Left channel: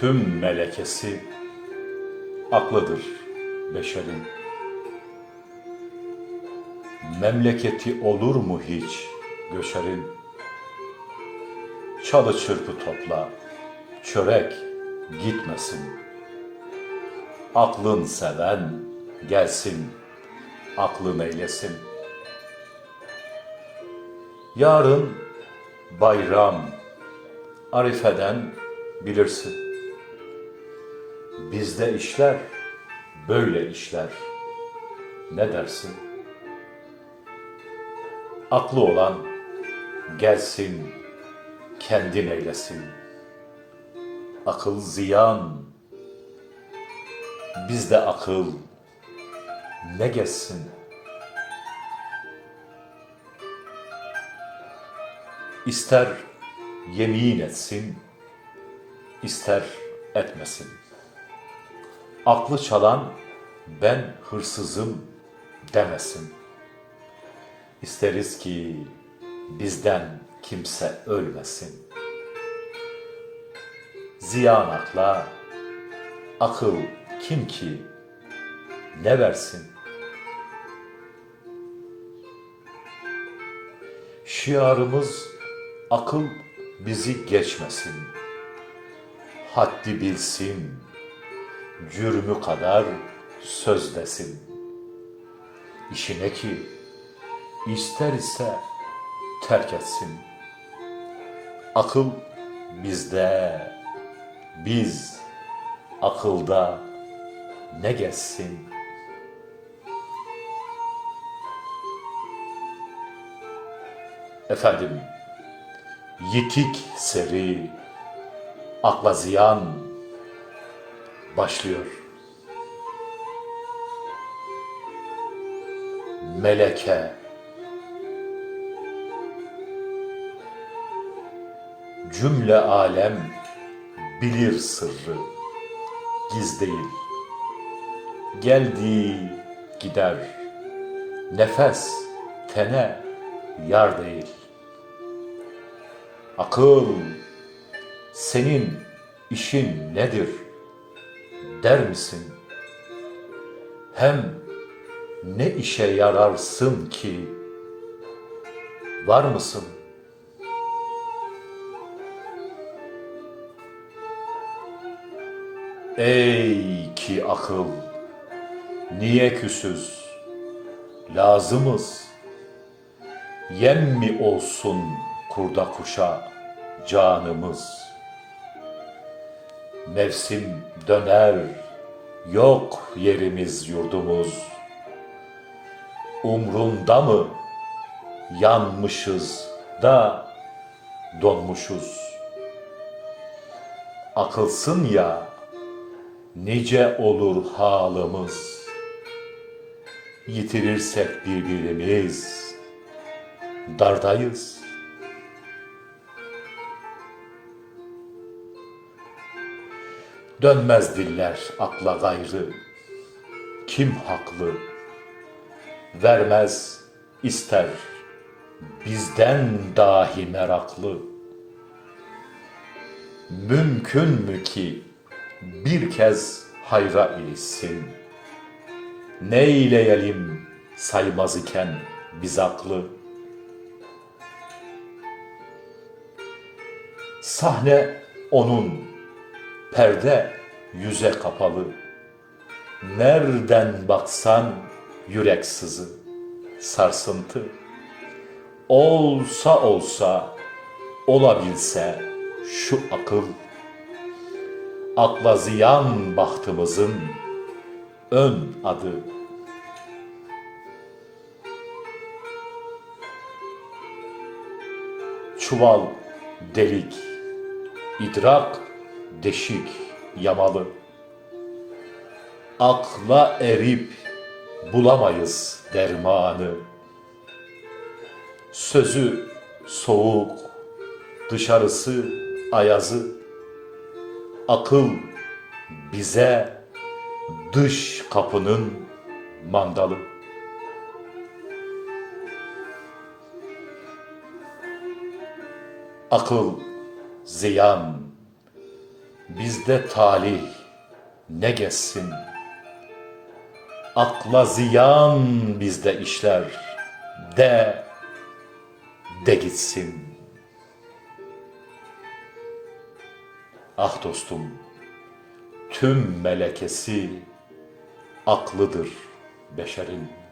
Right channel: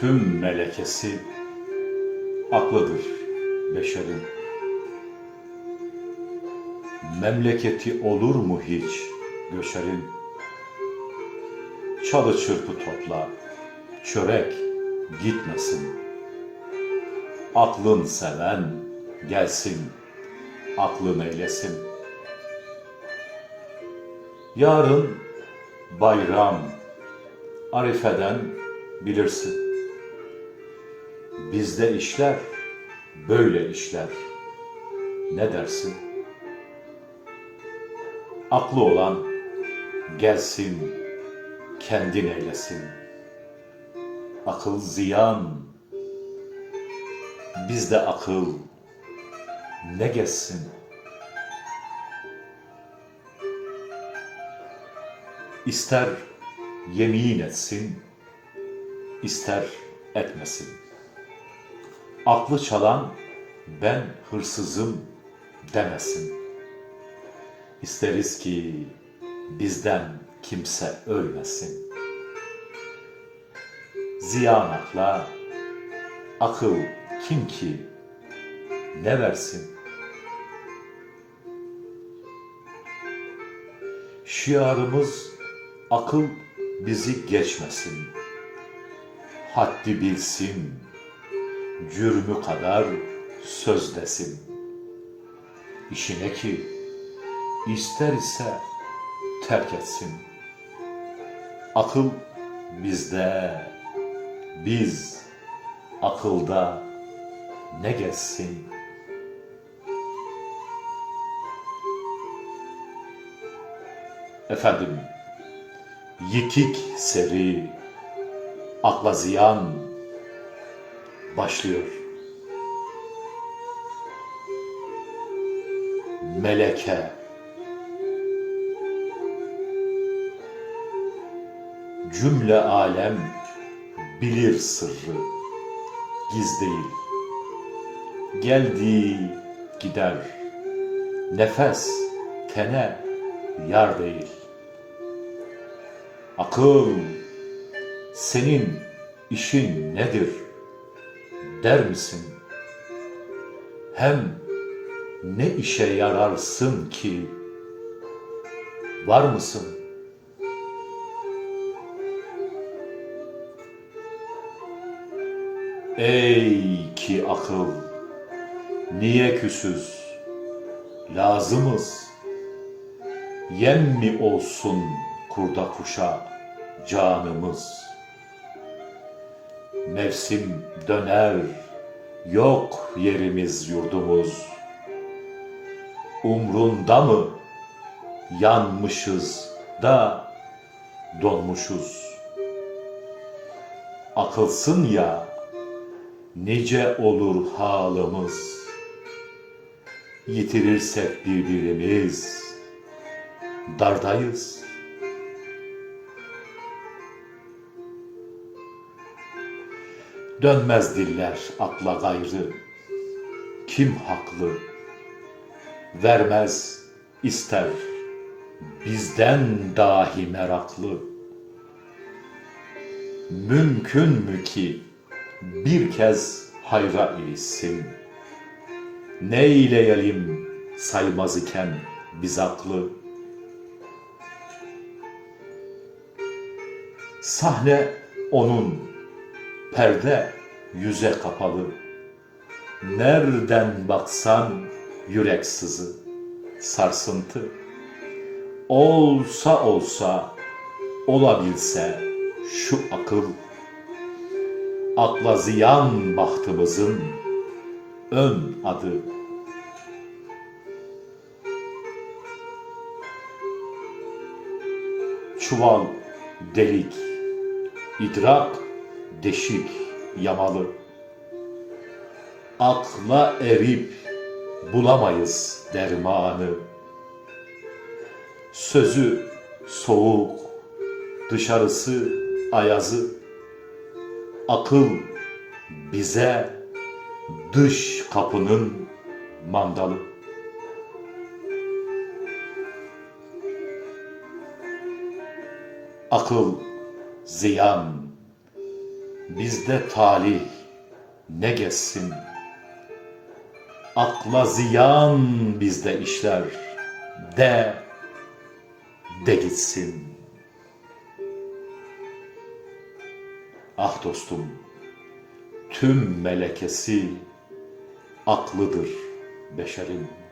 tüm melekesi aklıdır beşerin. Memleketi olur mu hiç göçerin? Çalı çırpı topla, çörek gitmesin. Aklın seven gelsin, aklın eylesin. Yarın bayram, Arife'den bilirsin. Bizde işler böyle işler. Ne dersin? Aklı olan gelsin, kendin eylesin. Akıl ziyan, bizde akıl ne geçsin? İster yemin etsin, ister etmesin. Aklı çalan ben hırsızım demesin. İsteriz ki bizden kimse ölmesin. Ziyan akla, akıl kim ki ne versin? Şiarımız akıl bizi geçmesin. Haddi bilsin, cürmü kadar söz desin. İşine ki ister ise terk etsin. Akıl bizde, biz akılda ne geçsin? Efendim, yitik seri, akla ziyan başlıyor. Meleke, cümle alem bilir sırrı, giz değil. Geldi gider, nefes tene yar değil. Akıl, senin işin nedir der misin? Hem ne işe yararsın ki? Var mısın? Ey ki akıl, niye küsüz? Lazımız. Yem mi olsun kurda kuşa canımız? Mevsim döner, yok yerimiz yurdumuz. Umrunda mı yanmışız da donmuşuz? Akılsın ya, nice olur halımız. Yitirirsek birbirimiz, dardayız. Dönmez diller akla gayrı, kim haklı? Vermez ister bizden dahi meraklı. Mümkün mü ki bir kez hayra ilişsin? Ne eyleyelim saymaz iken biz aklı? Sahne onun, perde yüze kapalı. Nereden baksan yürek sızı, sarsıntı. Olsa olsa, olabilse şu akıl, akla ziyan bahtımızın ön adı. Çuval delik, idrak deşik yamalı. Akla erip bulamayız dermanı. Sözü soğuk, dışarısı ayazı. Akıl bize dış kapının mandalı. Akıl ziyan, bizde talih ne gezsin? Akla ziyan bizde işler, de, de gitsin. Ah dostum, tüm melekesi aklıdır beşerin.